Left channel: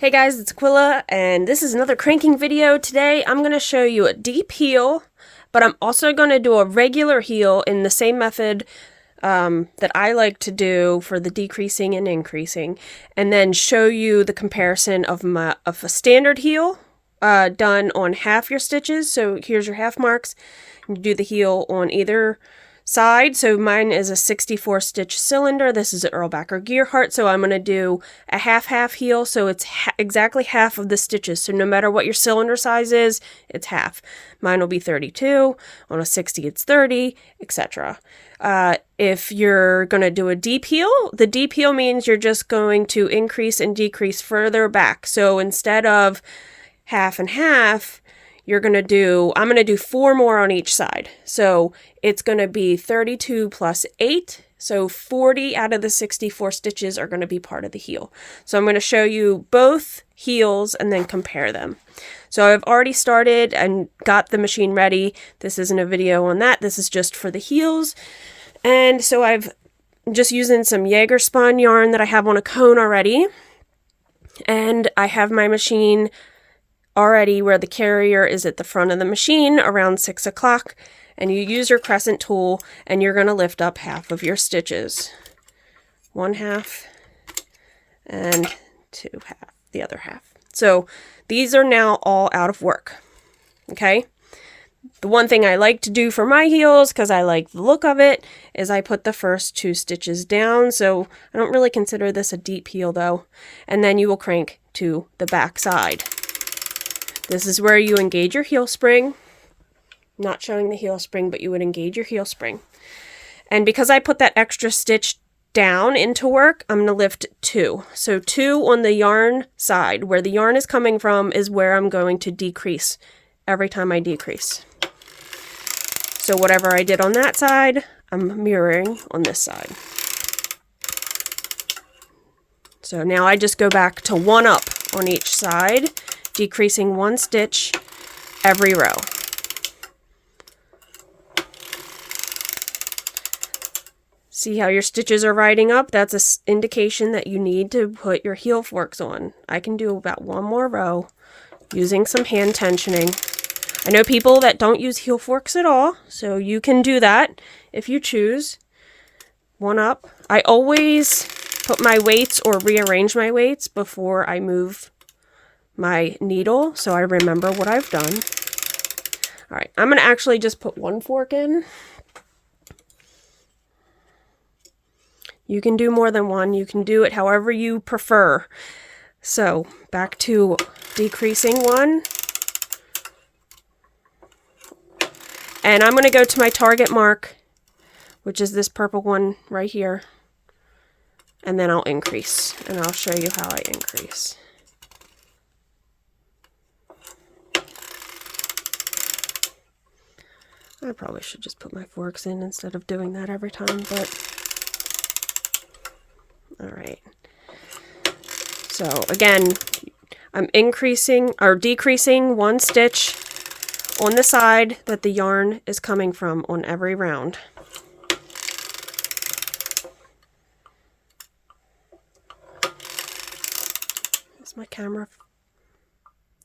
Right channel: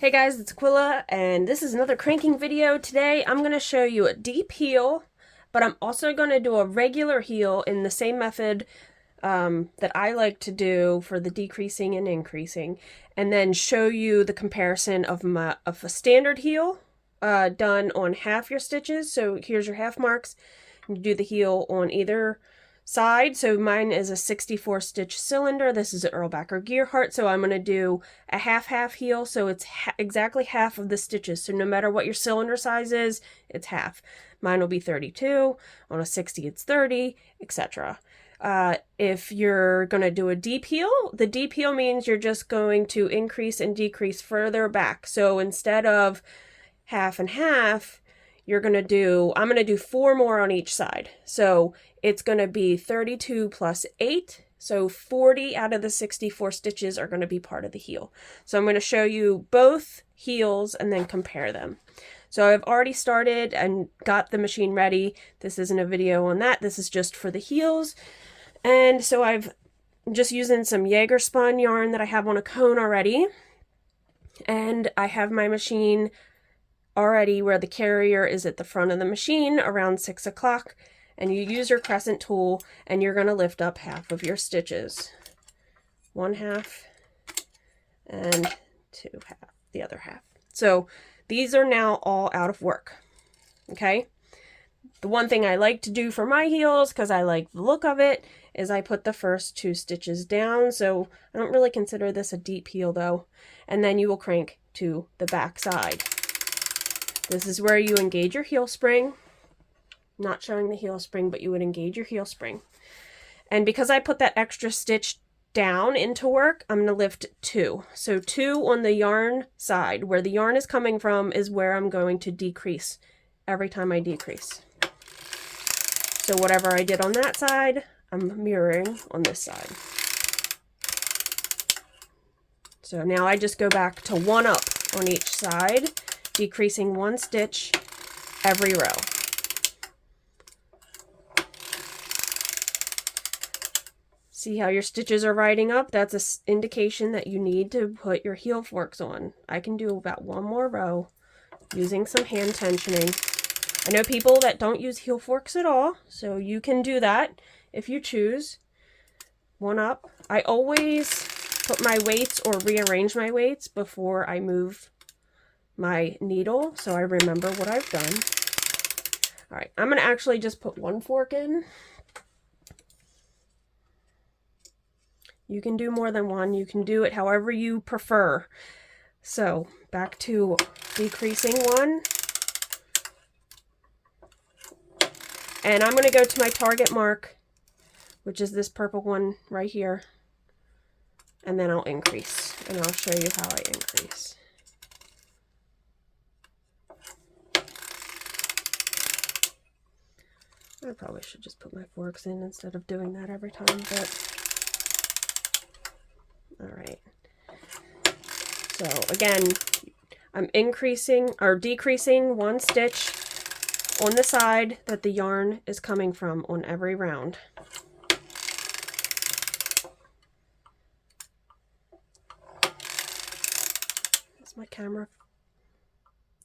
Hey guys, it's Aquila, and this is another cranking video. Today I'm going to show you a deep heel, but I'm also going to do a regular heel in the same method that I like to do for the decreasing and increasing, and then show you the comparison of a standard heel done on half your stitches. So here's your half marks. You do the heel on either side. So mine is a 64 stitch cylinder. This is an Erlbacher gear heart. So I'm going to do a half heel. So it's exactly half of the stitches. So no matter what your cylinder size is, it's half. Mine will be 32. On a 60, it's 30, etc. If you're going to do a deep heel, the deep heel means you're just going to increase and decrease further back. So instead of half and half, I'm going to do 4 more on each side. So it's going to be 32 plus 8. So 40 out of the 64 stitches are going to be part of the heel. So I'm going to show you both heels and then compare them. So I've already started and got the machine ready. This isn't a video on that. This is just for the heels. And so I'm just using some Jaeger spun yarn that I have on a cone already. And I have my machine already where the carrier is at the front of the machine around 6 o'clock, and you use your crescent tool and you're going to lift up half of your stitches. One half and the other half. So these are now all out of work. Okay. The one thing I like to do for my heels, because I like the look of it, is I put the first 2 stitches down. So I don't really consider this a deep heel though. And then you will crank to the back side. This is where you engage your heel spring. Not showing the heel spring, but you would engage your heel spring. And because I put that extra stitch down into work, I'm going to lift 2. So 2 on the yarn side. Where the yarn is coming from is where I'm going to decrease every time I decrease. So whatever I did on that side, I'm mirroring on this side. So now I just go back to 1 up on each side, decreasing 1 stitch every row. See how your stitches are riding up? That's an indication that you need to put your heel forks on. I can do about 1 more row using some hand tensioning. I know people that don't use heel forks at all, so you can do that if you choose. 1 up. I always put my weights or rearrange my weights before I move my needle, so I remember what I've done. All right, I'm going to actually just put 1 fork in. You can do more than 1. You can do it however you prefer. So back to decreasing 1. And I'm going to go to my target mark, which is this purple one right here. And then I'll increase, and I'll show you how I increase. I probably should just put my forks in instead of doing that every time, but all right. So again, I'm increasing or decreasing 1 stitch on the side that the yarn is coming from on every round. Is my camera,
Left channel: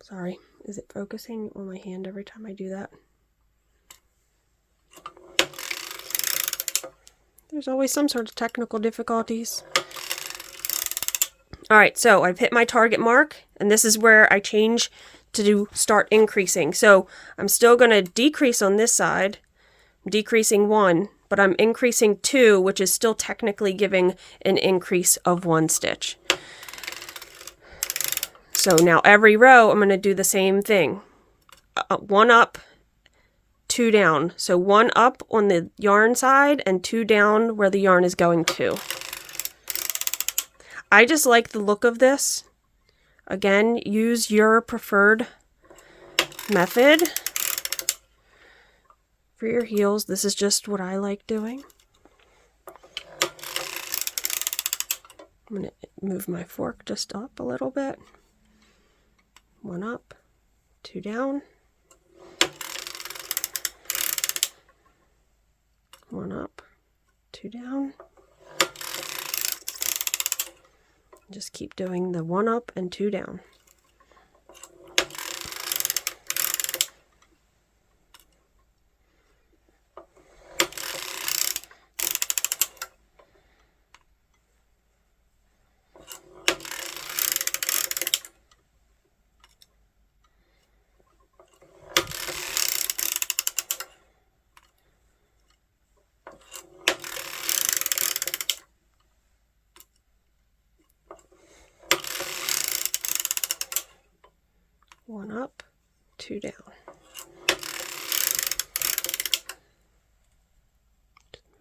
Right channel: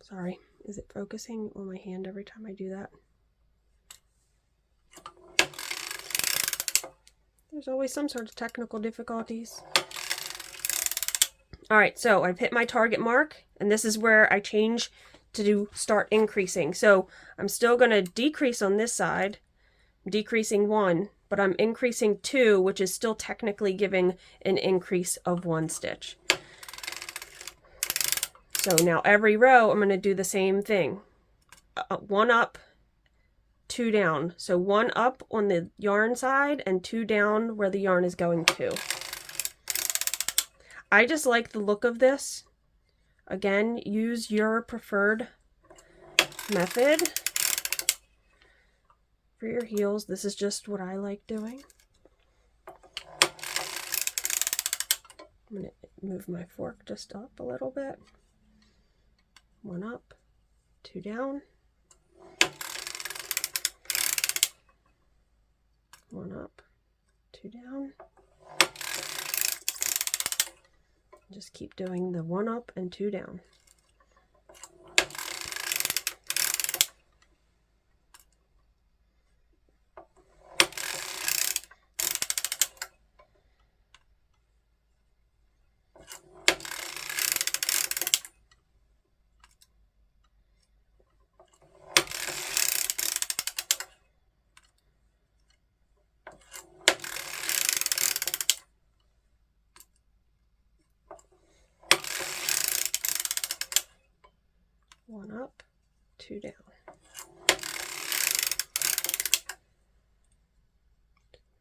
sorry, is it focusing on my hand every time I do that? There's always some sort of technical difficulties. All right, so I've hit my target mark, and this is where I change to start increasing. So I'm still going to decrease on this side. I'm decreasing 1, but I'm increasing 2, which is still technically giving an increase of 1 stitch. So now every row, I'm going to do the same thing. 1 up, 2 down. So 1 up on the yarn side and 2 down where the yarn is going to. I just like the look of this. Again, use your preferred method for your heels. This is just what I like doing. I'm going to move my fork just up a little bit. 1 up, 2 down. 1 up, 2 down. Just keep doing the 1 up and 2 down. One up, 2 down.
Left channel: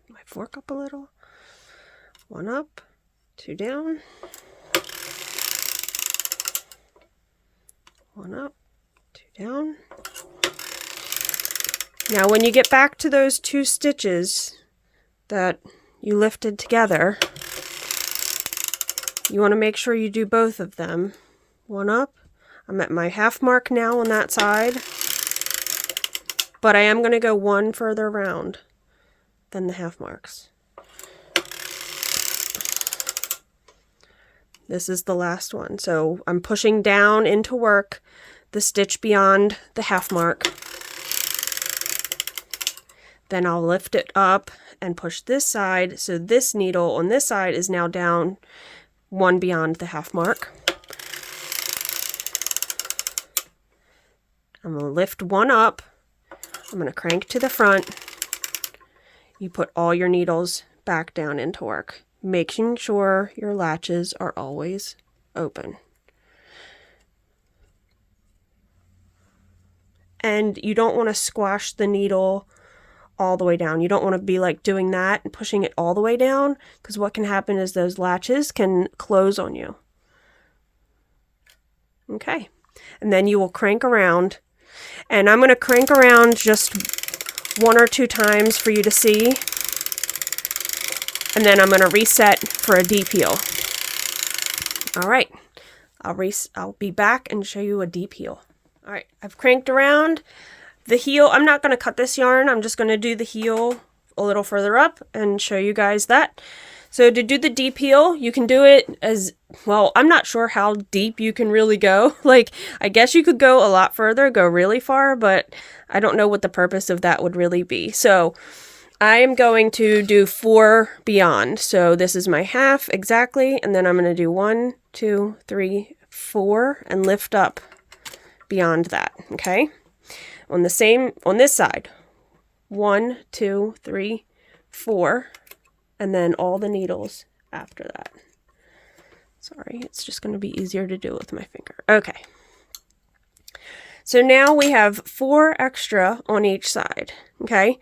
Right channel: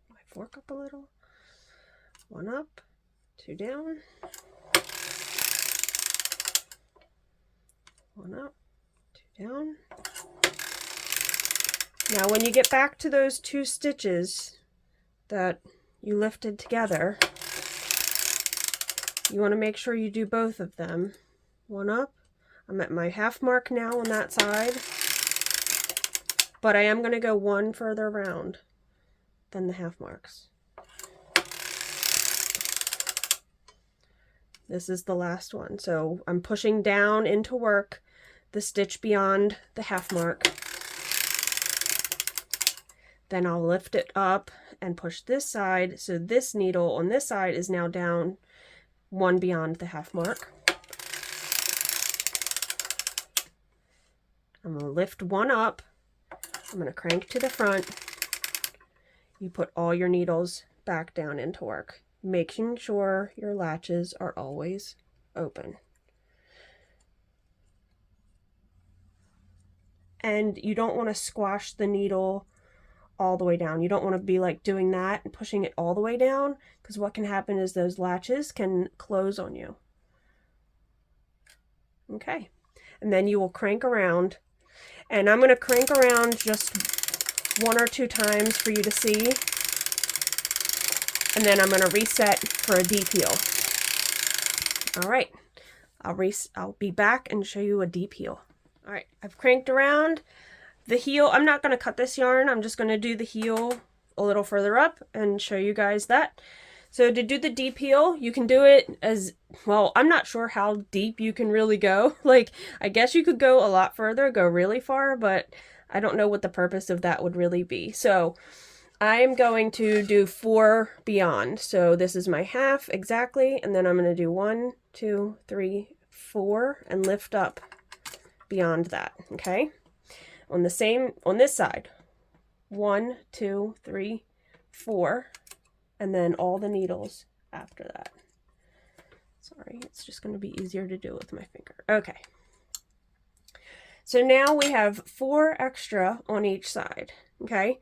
My fork up a little. 1 up, 2 down. 1 up, 2 down. Now when you get back to those 2 stitches that you lifted together, you want to make sure you do both of them. 1 up. I'm at my half mark now on that side, but I am going to go 1 further around than the half marks. This is the last one, so I'm pushing down into work the stitch beyond the half mark. Then I'll lift it up and push this side, so this needle on this side is now down 1 beyond the half mark. I'm going to lift 1 up, I'm going to crank to the front. You put all your needles back down into work, making sure your latches are always open. And you don't want to squash the needle all the way down. You don't want to be like doing that and pushing it all the way down, because what can happen is those latches can close on you. Okay, and then you will crank around. And I'm going to crank around just 1 or 2 times for you to see. And then I'm going to reset for a deep heel. All right, I'll be back and show you a deep heel. All right, I've cranked around the heel. I'm not going to cut this yarn. I'm just going to do the heel a little further up and show you guys that. So to do the deep heel, you can do it as, well, I'm not sure how deep you can really go. Like, I guess you could go a lot further, go really far, but I don't know what the purpose of that would really be. So I am going to do 4 beyond. So this is my half exactly, and then I'm going to do 1, 2, 3, 4, and lift up beyond that, okay? On this side, 1, 2, 3, 4. And then all the needles after that. Sorry, it's just going to be easier to do with my finger. Okay. So now we have 4 extra on each side. Okay.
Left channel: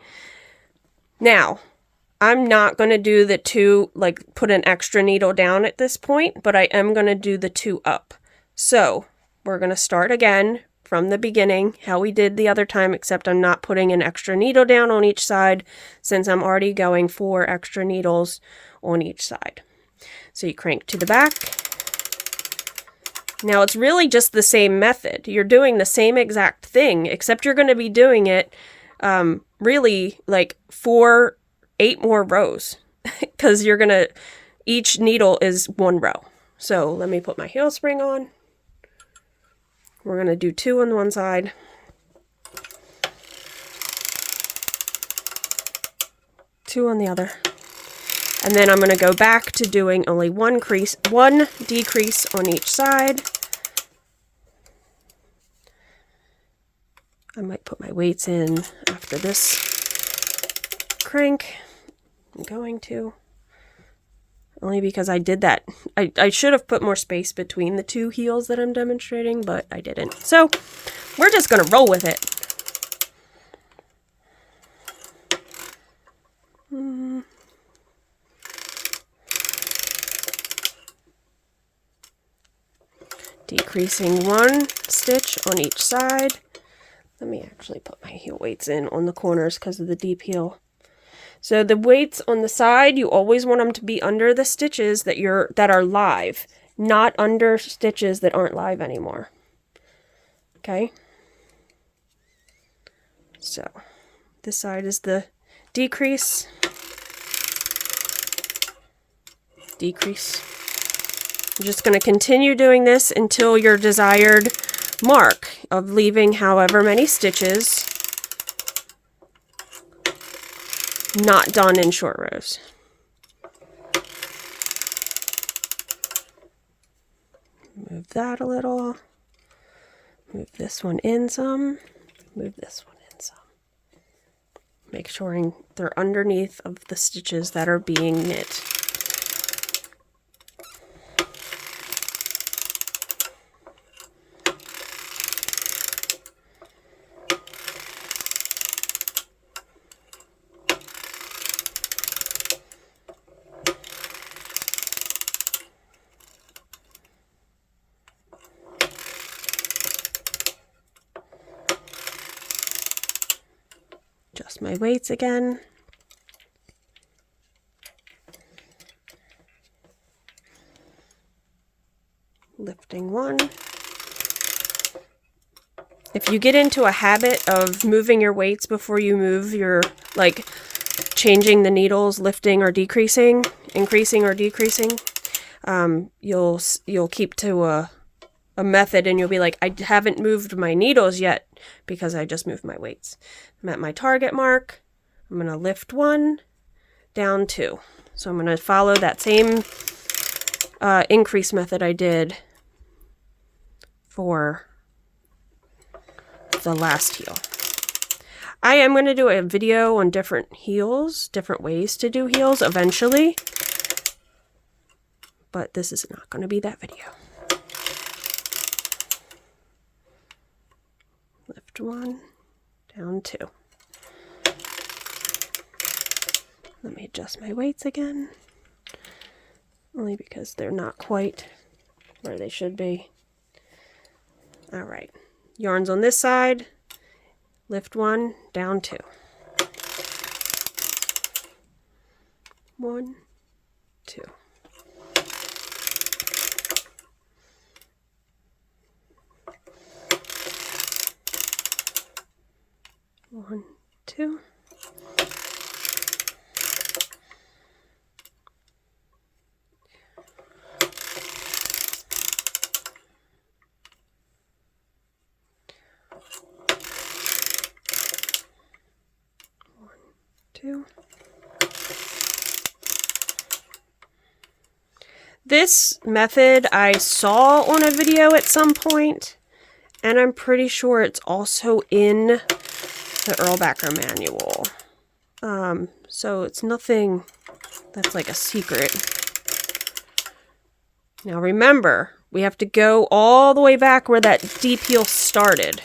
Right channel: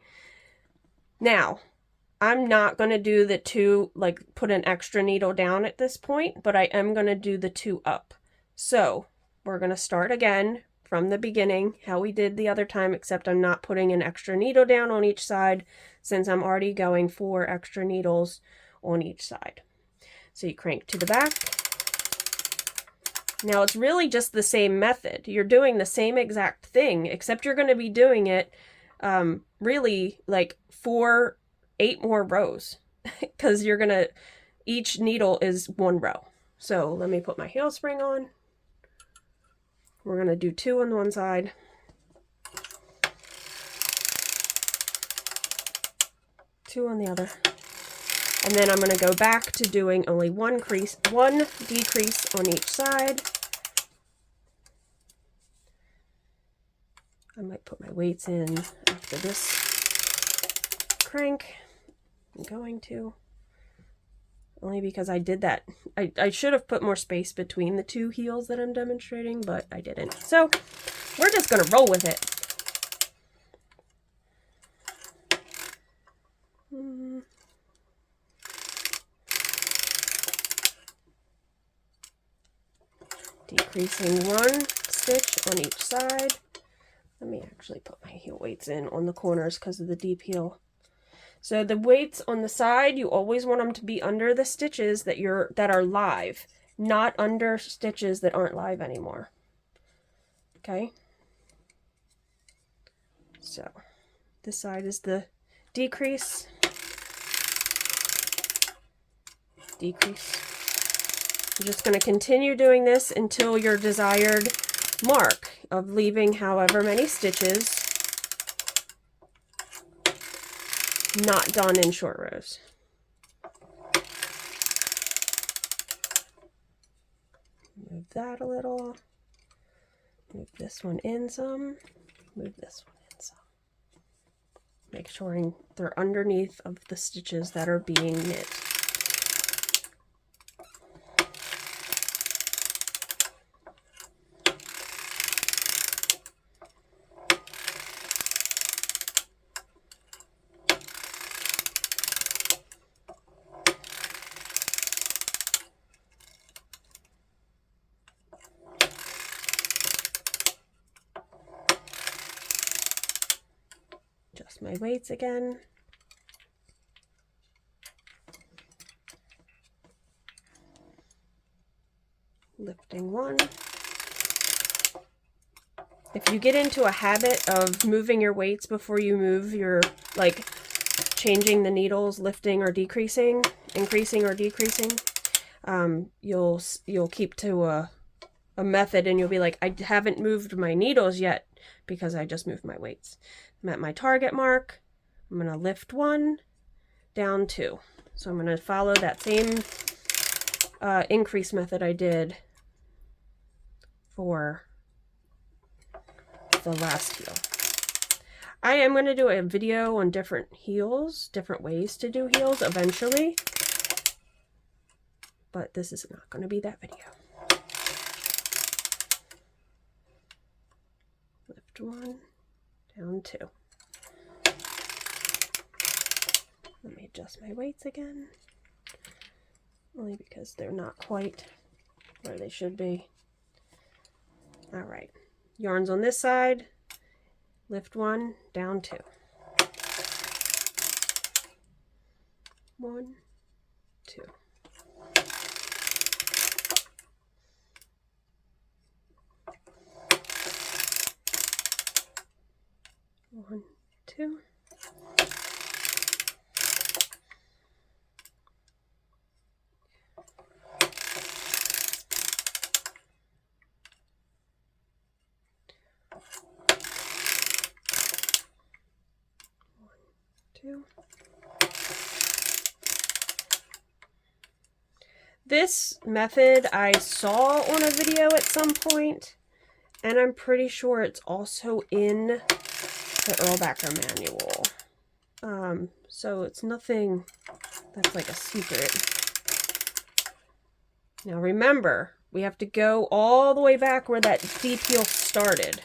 Now, I'm not going to do the 2, like put an extra needle down at this point, but I am going to do the 2 up. So we're going to start again from the beginning, how we did the other time, except I'm not putting an extra needle down on each side since I'm already going 4 extra needles on each side. So you crank to the back. Now it's really just the same method. You're doing the same exact thing, except you're going to be doing it really like 8 more rows because you're going to, each needle is 1 row. So let me put my heel spring on. We're going to do 2 on one side. 2 on the other. And then I'm going to go back to doing only 1 decrease on each side. I might put my weights in after this crank. I'm going to. Only because I did that. I should have put more space between the 2 heels that I'm demonstrating, but I didn't. So we're just going to roll with it. Decreasing 1 stitch on each side. Let me actually put my heel weights in on the corners because of the deep heel. So the weights on the side, you always want them to be under the stitches that are live, not under stitches that aren't live anymore. Okay? So this side is the decrease. Decrease. I'm just going to continue doing this until your desired mark of leaving however many stitches not done in short rows. Move that a little. Move this one in some. Move this one in some. Make sure they're underneath of the stitches that are being knit. Adjust my weights again. Lifting one. If you get into a habit of moving your weights before you move your, like, changing the needles, lifting or decreasing, increasing or decreasing, you'll keep to a method and you'll be like, I haven't moved my needles yet because I just moved my weights. I'm at my target mark. I'm going to lift one, down two. So I'm going to follow that same increase method I did for the last heel. I am going to do a video on different heels, different ways to do heels eventually, but this is not going to be that video. Lift one, down two. Let me adjust my weights again, only because they're not quite where they should be. All right, yarns on this side, lift one, down two. One, two. One, two. Two. This method I saw on a video at some point, and I'm pretty sure it's also in the Erlbacher manual. So it's nothing that's like a secret. Now remember, we have to go all the way back where that deep heel started.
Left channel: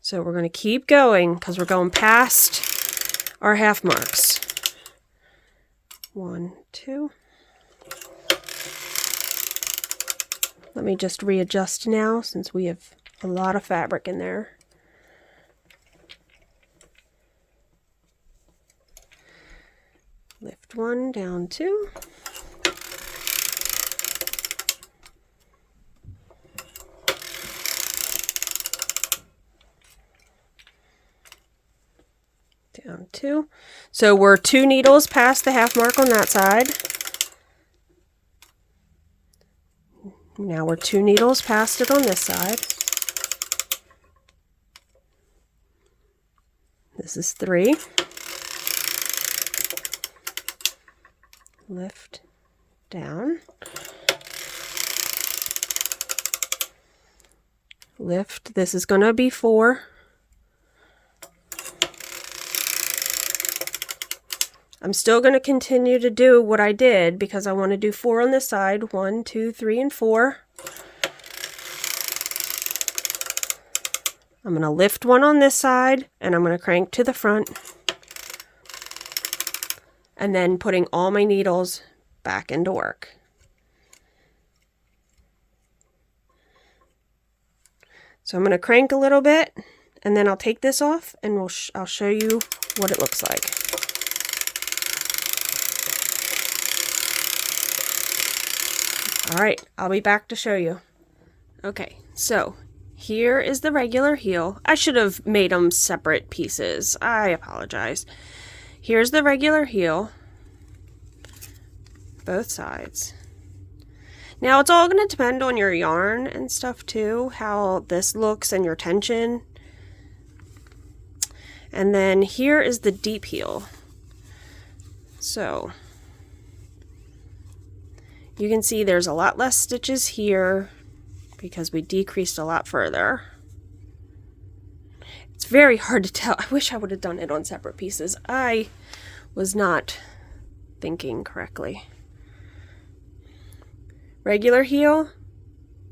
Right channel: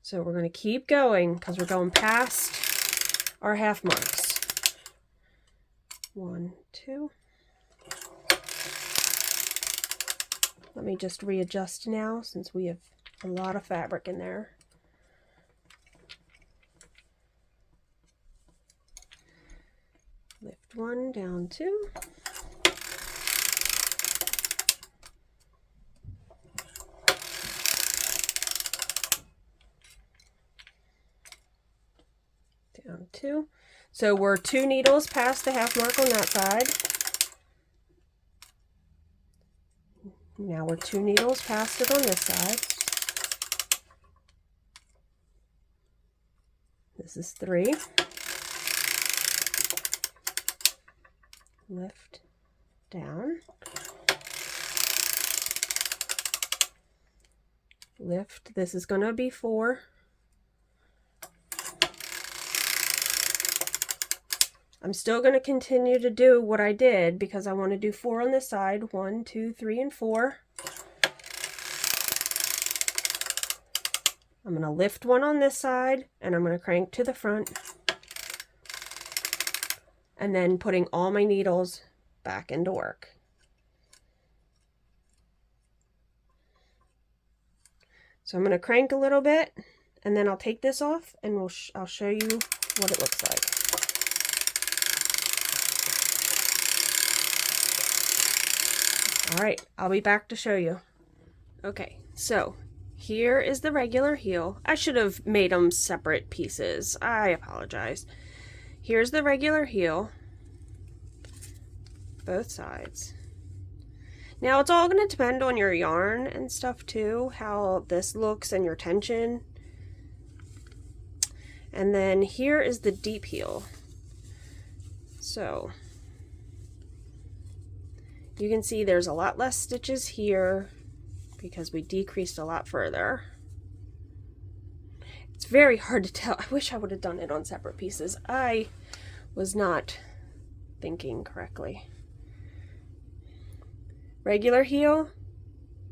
So we're going to keep going because we're going past our half marks. One, two. Let me just readjust now since we have a lot of fabric in there. Lift one, down two. Down two. So we're 2 needles past the half mark on that side. Now we're 2 needles past it on this side. This is 3. Lift, down. Lift, this is going to be 4. I'm still going to continue to do what I did because I want to do 4 on this side. 1, 2, 3, and 4. I'm going to lift one on this side and I'm going to crank to the front. And then putting all my needles back into work. So I'm going to crank a little bit and then I'll take this off and I'll show you what it looks like. All right, I'll be back to show you. Okay, so here is the regular heel. I should have made them separate pieces. I apologize. Here's the regular heel. both sides. Now it's all going to depend on your yarn and stuff too, how this looks and your tension. And then here is the deep heel. So you can see there's a lot less stitches here because we decreased a lot further. It's very hard to tell. I wish I would have done it on separate pieces. I was not thinking correctly. Regular heel,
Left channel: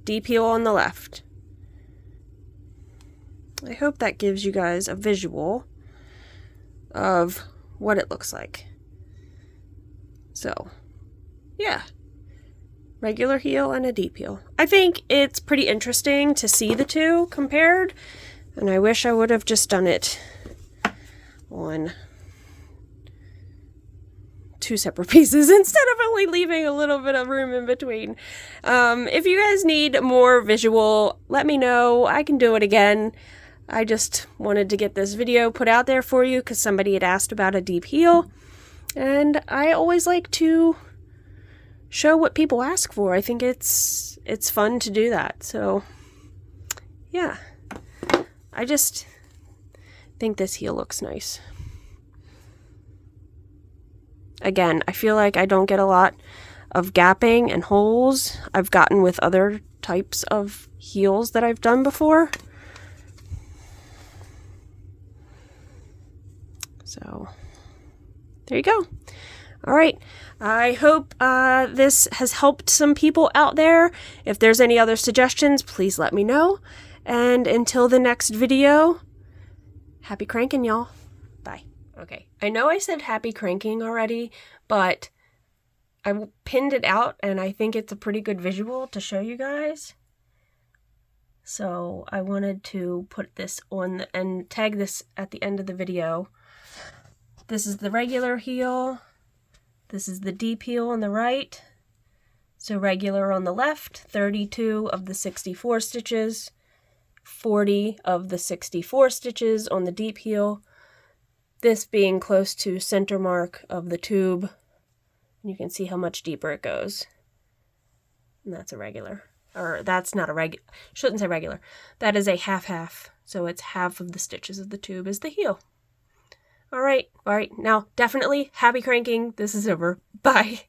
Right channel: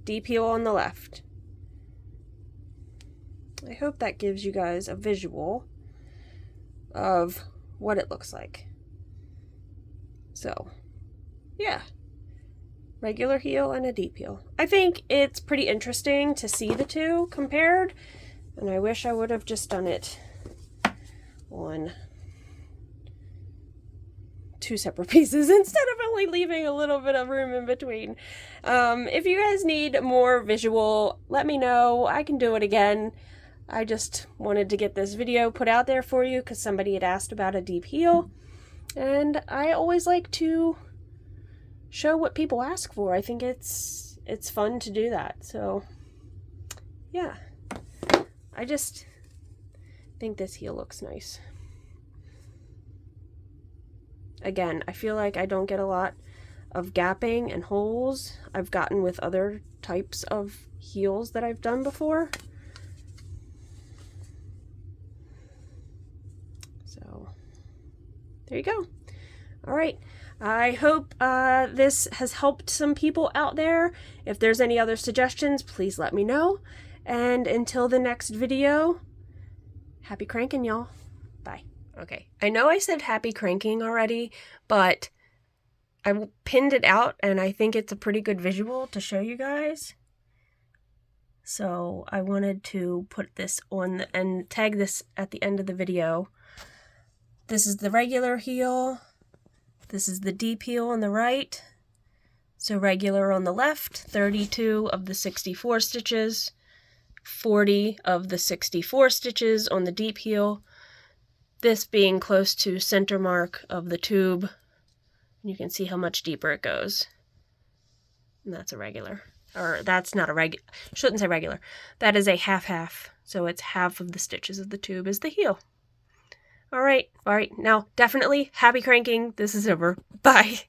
deep heel on the left. I hope that gives you guys a visual of what it looks like. So, yeah. Regular heel and a deep heel. I think it's pretty interesting to see the two compared, and I wish I would have just done it on two separate pieces instead of only leaving a little bit of room in between. If you guys need more visual, let me know. I can do it again. I just wanted to get this video put out there for you because somebody had asked about a deep heel, and I always like to show what people ask for. I think it's fun to do that. So yeah, I just think this heel looks nice. Again, I feel like I don't get a lot of gapping and holes I've gotten with other types of heels that I've done before. So there you go. All right. I hope this has helped some people out there. If there's any other suggestions, please let me know. And until the next video, happy cranking, y'all. Bye. Okay, I know I said happy cranking already, but I pinned it out and I think it's a pretty good visual to show you guys. So I wanted to put this on and tag this at the end of the video. This is the regular heel. This is the deep heel on the right. So regular on the left, 32 of the 64 stitches, 40 of the 64 stitches on the deep heel. This being close to center mark of the tube. You can see how much deeper it goes. And that's a regular. Or that's not a regular. Shouldn't say regular. That is a half-half. So it's half of the stitches of the tube is the heel. All right. Now definitely happy cranking. This is over. Bye.